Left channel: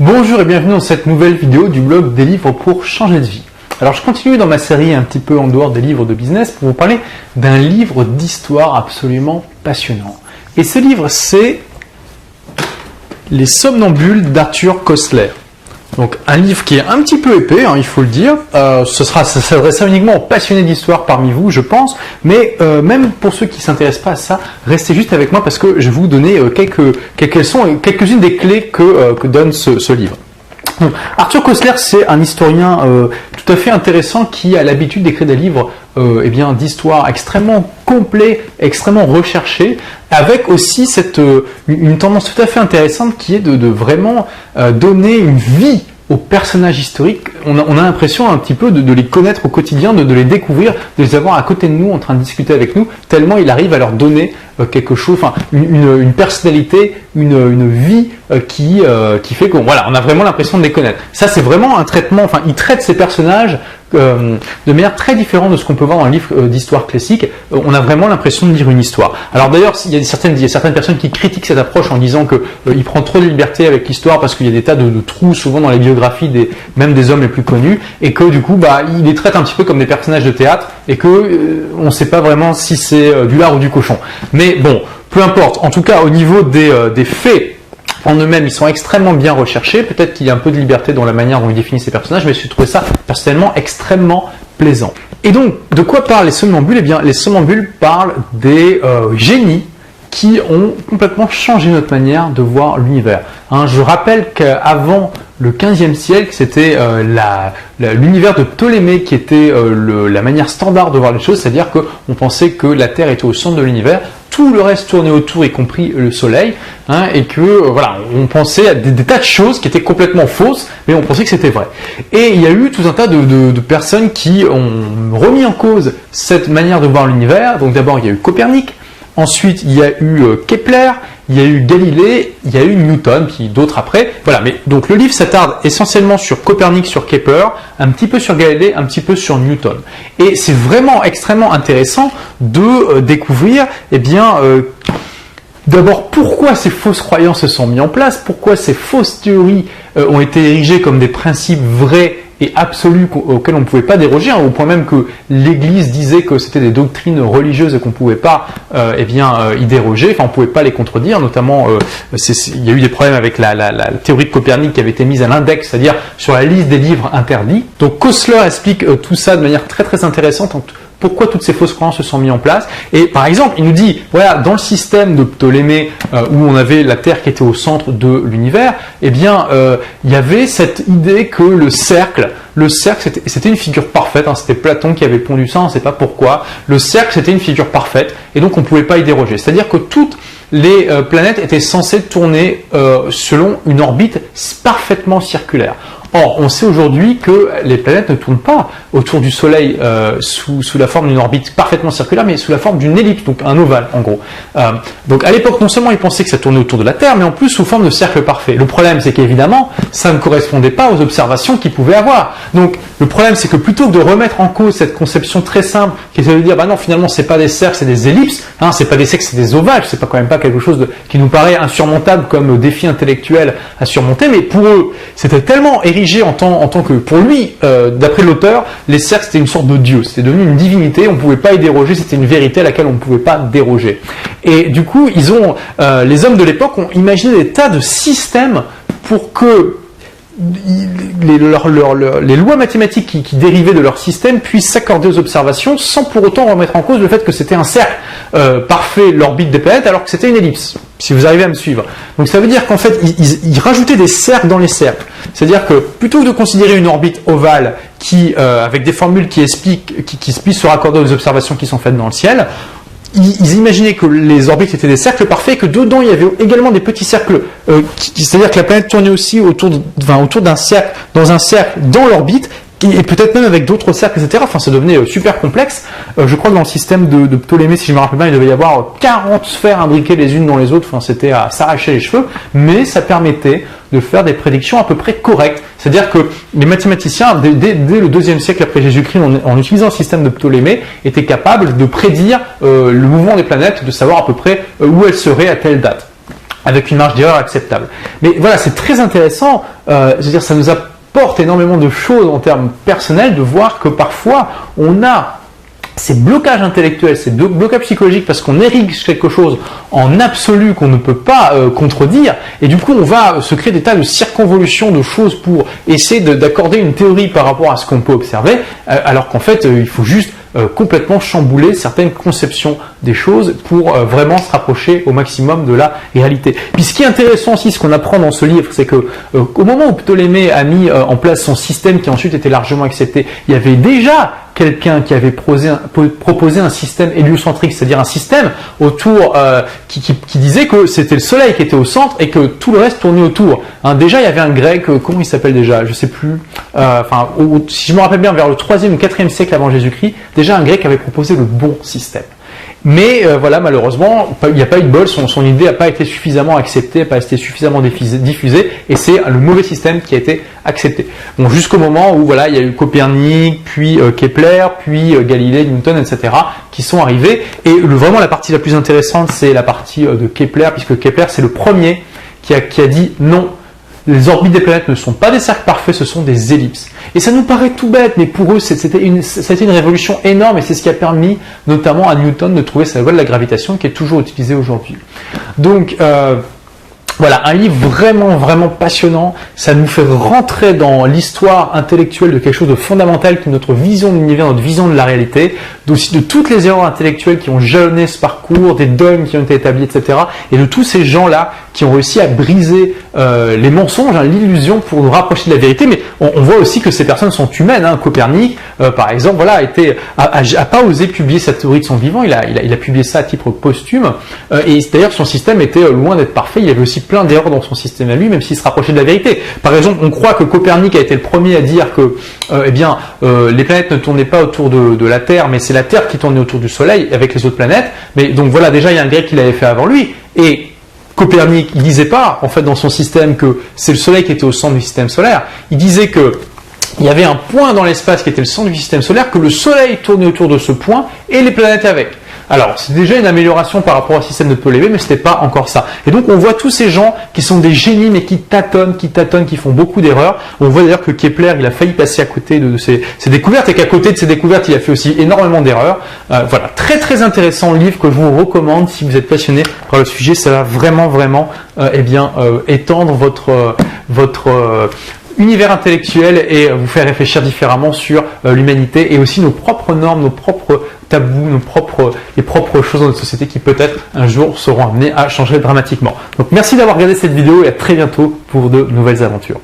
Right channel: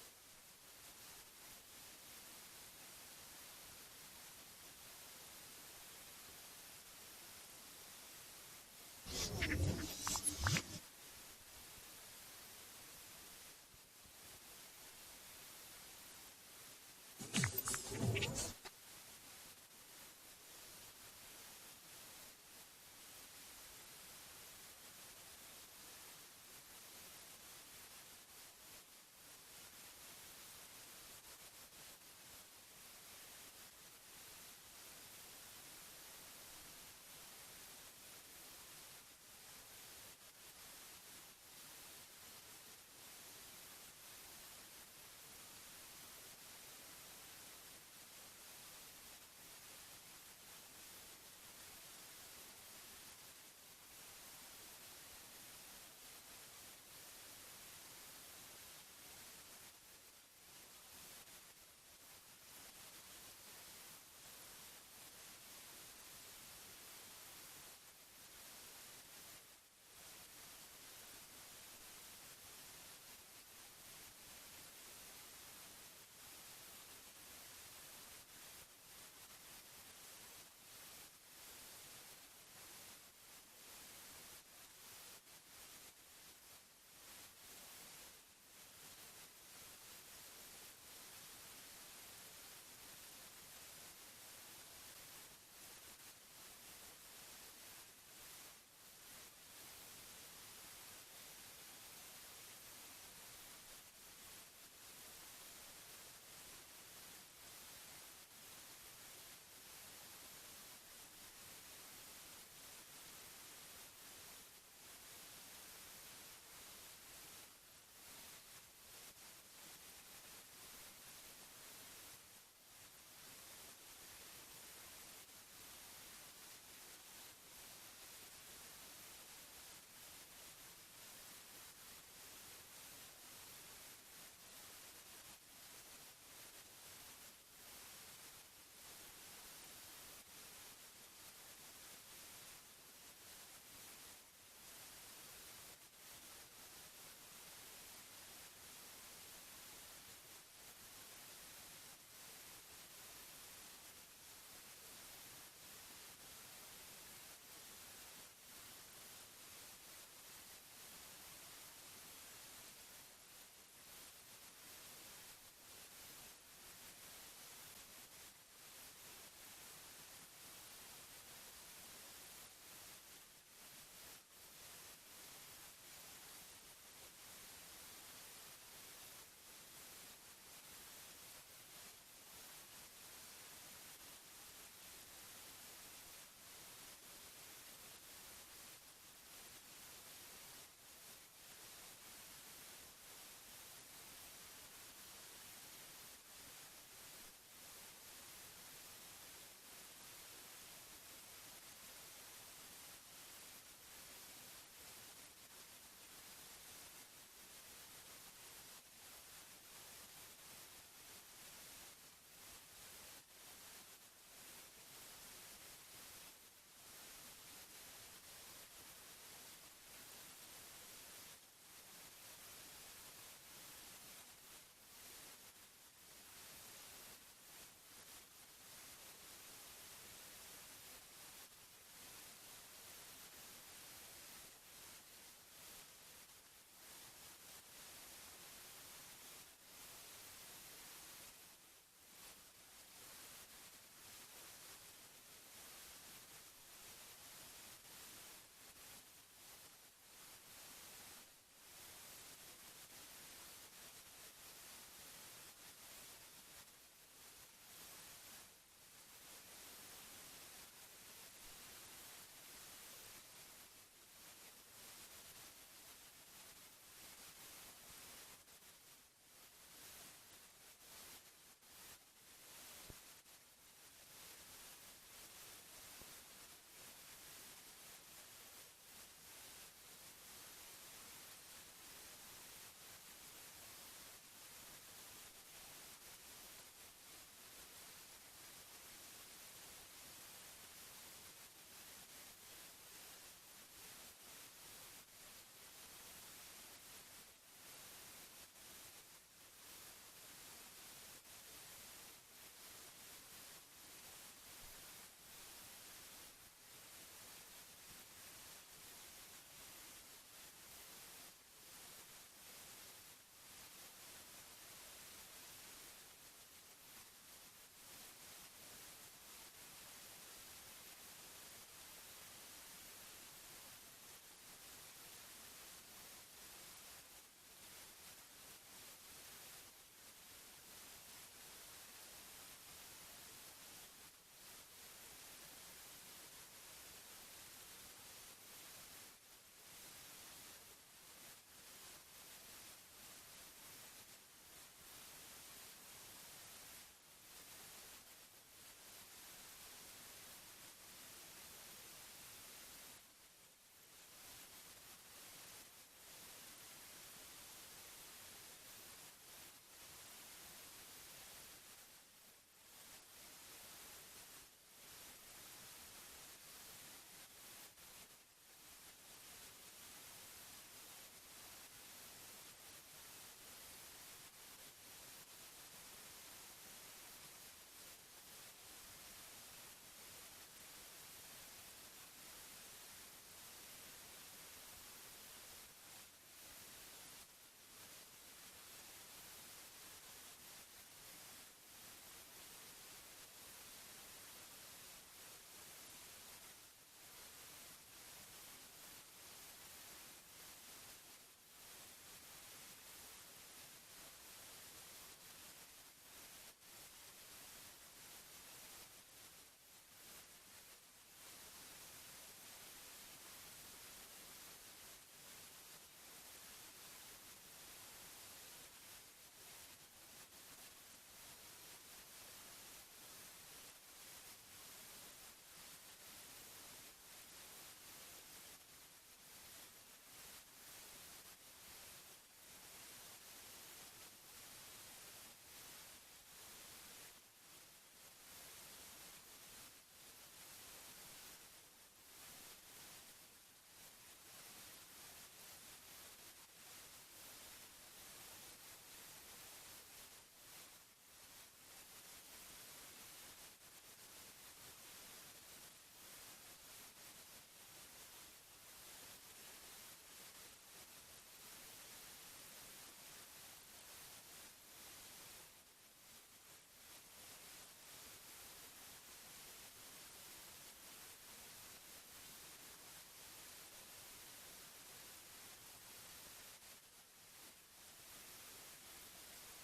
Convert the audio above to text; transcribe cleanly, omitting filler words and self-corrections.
Bonjour et bienvenue dans cette nouvelle vidéo du blog des livres pour changer de vie. Alors je continue dans ma série un petit peu en dehors des livres de business pour vous parler d'un livre d'histoire absolument passionnant. Et ce livre c'est Les Somnambules d'Arthur Koestler. Donc un livre qui est un petit peu épais, il faut le dire. Ça s'adresse uniquement aux passionnés d'histoire parmi vous, je pense. Mais même pour ceux qui ne s'intéressent pas à ça, restez juste avec moi parce que je vais vous donner quelques-unes des clés que donne ce livre. Donc, Arthur Koestler, c'est un historien tout à fait intéressant qui a l'habitude d'écrire des livres d'histoire extrêmement complets, extrêmement recherchés, avec aussi une tendance tout à fait intéressante qui est de vraiment donner une vie aux personnages historiques. On a l'impression un petit peu de les connaître au quotidien, de les découvrir, de les avoir à côté de nous en train de discuter avec nous, tellement il arrive à leur donner quelque chose, une personnalité, une vie qui fait qu'on on a vraiment l'impression de les connaître. Ça c'est vraiment un traitement, il traite ces personnages de manière très différente de ce qu'on peut voir dans le livre d'histoire classique. On a vraiment l'impression de lire une histoire. Alors d'ailleurs, il y a certaines personnes qui critiquent cette approche en disant que il prend trop de liberté avec l'histoire parce qu'il y a des tas de trous souvent dans les biographies même des hommes les plus connus, et que du coup il les traite un petit peu comme des personnages de théâtre et que on ne sait pas vraiment si c'est du lard ou du cochon. Mais bon, peu importe. En tout cas, au niveau des faits en eux-mêmes, ils sont extrêmement bien recherchés. Peut-être qu'il y a un peu de liberté dans la manière dont il définit ces personnages, mais j'ai trouvé ça personnellement extrêmement plaisant. Et donc, de quoi parlent les somnambules? Eh bien, les somnambules parlent des génies qui ont complètement changé notre manière de voir l'univers. Je rappelle qu'avant le XVe siècle, c'était l'univers de Ptolémée qui était la manière standard de voir les choses, c'est-à-dire qu'on pensait que la Terre était au centre de l'univers, tout le reste tournait autour, y compris le Soleil, et que on pensait à des tas de choses qui étaient complètement fausses, mais on pensait que c'était vrai. Et il y a eu tout un tas de personnes qui ont remis en cause cette manière de voir l'univers. Donc d'abord, il y a eu Copernic. Ensuite, il y a eu Kepler, il y a eu Galilée, il y a eu Newton, puis d'autres après. Voilà, mais donc le livre s'attarde essentiellement sur Copernic, sur Kepler, un petit peu sur Galilée, un petit peu sur Newton. Et c'est vraiment extrêmement intéressant de découvrir, d'abord pourquoi ces fausses croyances se sont mises en place, pourquoi ces fausses théories ont été érigées comme des principes vrais et absolus auxquels on ne pouvait pas déroger, au point même que l'Église disait que c'était des doctrines religieuses et qu'on ne pouvait pas y déroger, on ne pouvait pas les contredire, notamment il y a eu des problèmes avec la théorie de Copernic qui avait été mise à l'index, c'est-à-dire sur la liste des livres interdits. Donc Koestler explique tout ça de manière très très intéressante, pourquoi toutes ces fausses croyances se sont mises en place. Et par exemple, il nous dit, voilà, dans le système de Ptolémée, où on avait la Terre qui était au centre de l'univers, il y avait cette idée que le cercle c'était une figure parfaite, c'était Platon qui avait pondu ça, on ne sait pas pourquoi. Le cercle c'était une figure parfaite, et donc on ne pouvait pas y déroger. C'est-à-dire que toutes les planètes étaient censées tourner selon une orbite parfaitement circulaire. Or, on sait aujourd'hui que les planètes ne tournent pas autour du Soleil sous la forme d'une orbite parfaitement circulaire, mais sous la forme d'une ellipse, donc un ovale en gros. Donc à l'époque, non seulement ils pensaient que ça tournait autour de la Terre, mais en plus sous forme de cercle parfait. Le problème, c'est qu'évidemment, ça ne correspondait pas aux observations qu'ils pouvaient avoir. Donc le problème, c'est que plutôt que de remettre en cause cette conception très simple, qui est de dire, non, finalement, c'est pas des cercles, c'est des ellipses, c'est pas des cercles, c'est des ovales, c'est quand même pas quelque chose qui nous paraît insurmontable comme défi intellectuel à surmonter, mais pour eux, c'était tellement érigé en tant que, pour lui, d'après l'auteur, les cercles c'était une sorte de dieu, c'était devenu une divinité, on ne pouvait pas y déroger, c'était une vérité à laquelle on ne pouvait pas déroger. Et du coup, les hommes de l'époque ont imaginé des tas de systèmes pour que les lois mathématiques qui dérivaient de leur système puissent s'accorder aux observations sans pour autant remettre en cause le fait que c'était un cercle parfait, l'orbite des planètes, alors que c'était une ellipse, si vous arrivez à me suivre. Donc ça veut dire qu'en fait, ils rajoutaient des cercles dans les cercles. C'est-à-dire que plutôt que de considérer une orbite ovale avec des formules qui puissent se raccorder aux observations qui sont faites dans le ciel, ils imaginaient que les orbites étaient des cercles parfaits, que dedans il y avait également des petits cercles, c'est-à-dire que la planète tournait aussi autour d'un cercle, dans l'orbite, et peut-être même avec d'autres cercles, etc. Ça devenait super complexe. Je crois que dans le système de Ptolémée, si je me rappelle bien, il devait y avoir 40 sphères imbriquées les unes dans les autres. C'était à s'arracher les cheveux, mais ça permettait de faire des prédictions à peu près correctes. C'est-à-dire que les mathématiciens, dès le IIe siècle après Jésus-Christ, en utilisant le système de Ptolémée, étaient capables de prédire le mouvement des planètes, de savoir à peu près où elles seraient à telle date. avec une marge d'erreur acceptable. Mais voilà, c'est très intéressant, je veux dire, ça nous apporte énormément de choses en termes personnels de voir que parfois on a ces blocages intellectuels, ces blocages psychologiques parce qu'on érige quelque chose en absolu qu'on ne peut pas contredire, et du coup on va se créer des tas de circonvolutions de choses pour essayer d'accorder une théorie par rapport à ce qu'on peut observer, alors qu'en fait il faut juste complètement chambouler certaines conceptions des choses pour vraiment se rapprocher au maximum de la réalité. Puis ce qui est intéressant aussi, ce qu'on apprend dans ce livre, c'est que au moment où Ptolémée a mis en place son système qui ensuite était largement accepté, il y avait déjà quelqu'un qui avait proposé un système héliocentrique, c'est-à-dire un système autour qui disait que c'était le Soleil qui était au centre et que tout le reste tournait autour. Hein, déjà, il y avait un grec, comment il s'appelle déjà, je sais plus, si je me rappelle bien, vers le 3e ou 4e siècle avant Jésus-Christ, déjà un grec avait proposé le bon système. Mais voilà, malheureusement, il n'y a pas eu de bol, son idée n'a pas été suffisamment acceptée, n'a pas été suffisamment diffusée, et c'est le mauvais système qui a été accepté. Bon, jusqu'au moment où voilà, il y a eu Copernic, puis Kepler, puis Galilée, Newton, etc., qui sont arrivés. Et vraiment la partie la plus intéressante, c'est la partie de Kepler, puisque Kepler, c'est le premier qui a dit non. Les orbites des planètes ne sont pas des cercles parfaits, ce sont des ellipses. Et ça nous paraît tout bête, mais pour eux, ça a été une révolution énorme, et c'est ce qui a permis notamment à Newton de trouver sa loi de la gravitation qui est toujours utilisée aujourd'hui. Donc, voilà, un livre vraiment, vraiment passionnant. Ça nous fait rentrer dans l'histoire intellectuelle de quelque chose de fondamental qui est notre vision de l'univers, notre vision de la réalité, aussi de toutes les erreurs intellectuelles qui ont jalonné ce parcours, des dogmes qui ont été établis, etc. Et de tous ces gens-là qui ont réussi à briser les mensonges, hein, l'illusion pour nous rapprocher de la vérité. Mais on voit aussi que ces personnes sont humaines. Hein. Copernic, par exemple, voilà, a pas osé publier sa théorie de son vivant. Il a publié ça à titre posthume. Et d'ailleurs, son système était loin d'être parfait. Il y avait aussi plein d'erreurs dans son système à lui, même s'il se rapprochait de la vérité. Par exemple, on croit que Copernic a été le premier à dire que les planètes ne tournaient pas autour de la Terre, mais c'est la Terre qui tournait autour du Soleil avec les autres planètes. Mais donc voilà, déjà, il y a un grec qui l'avait fait avant lui. Et Copernic, il disait pas, en fait, dans son système que c'est le Soleil qui était au centre du système solaire. Il disait que il y avait un point dans l'espace qui était le centre du système solaire, que le Soleil tournait autour de ce point et les planètes avec. Alors, c'est déjà une amélioration par rapport au système de Ptolémée, mais c'était pas encore ça. Et donc, on voit tous ces gens qui sont des génies, mais qui tâtonnent, qui font beaucoup d'erreurs. On voit d'ailleurs que Kepler, il a failli passer à côté de ses découvertes, et qu'à côté de ses découvertes, il a fait aussi énormément d'erreurs. Voilà, très très intéressant livre que je vous recommande si vous êtes passionné par le sujet. Ça va vraiment, vraiment, étendre votre univers intellectuel et vous faire réfléchir différemment sur l'humanité et aussi nos propres normes, nos propres tabous, les propres choses dans notre société qui peut-être un jour seront amenées à changer dramatiquement. Donc merci d'avoir regardé cette vidéo et à très bientôt pour de nouvelles aventures.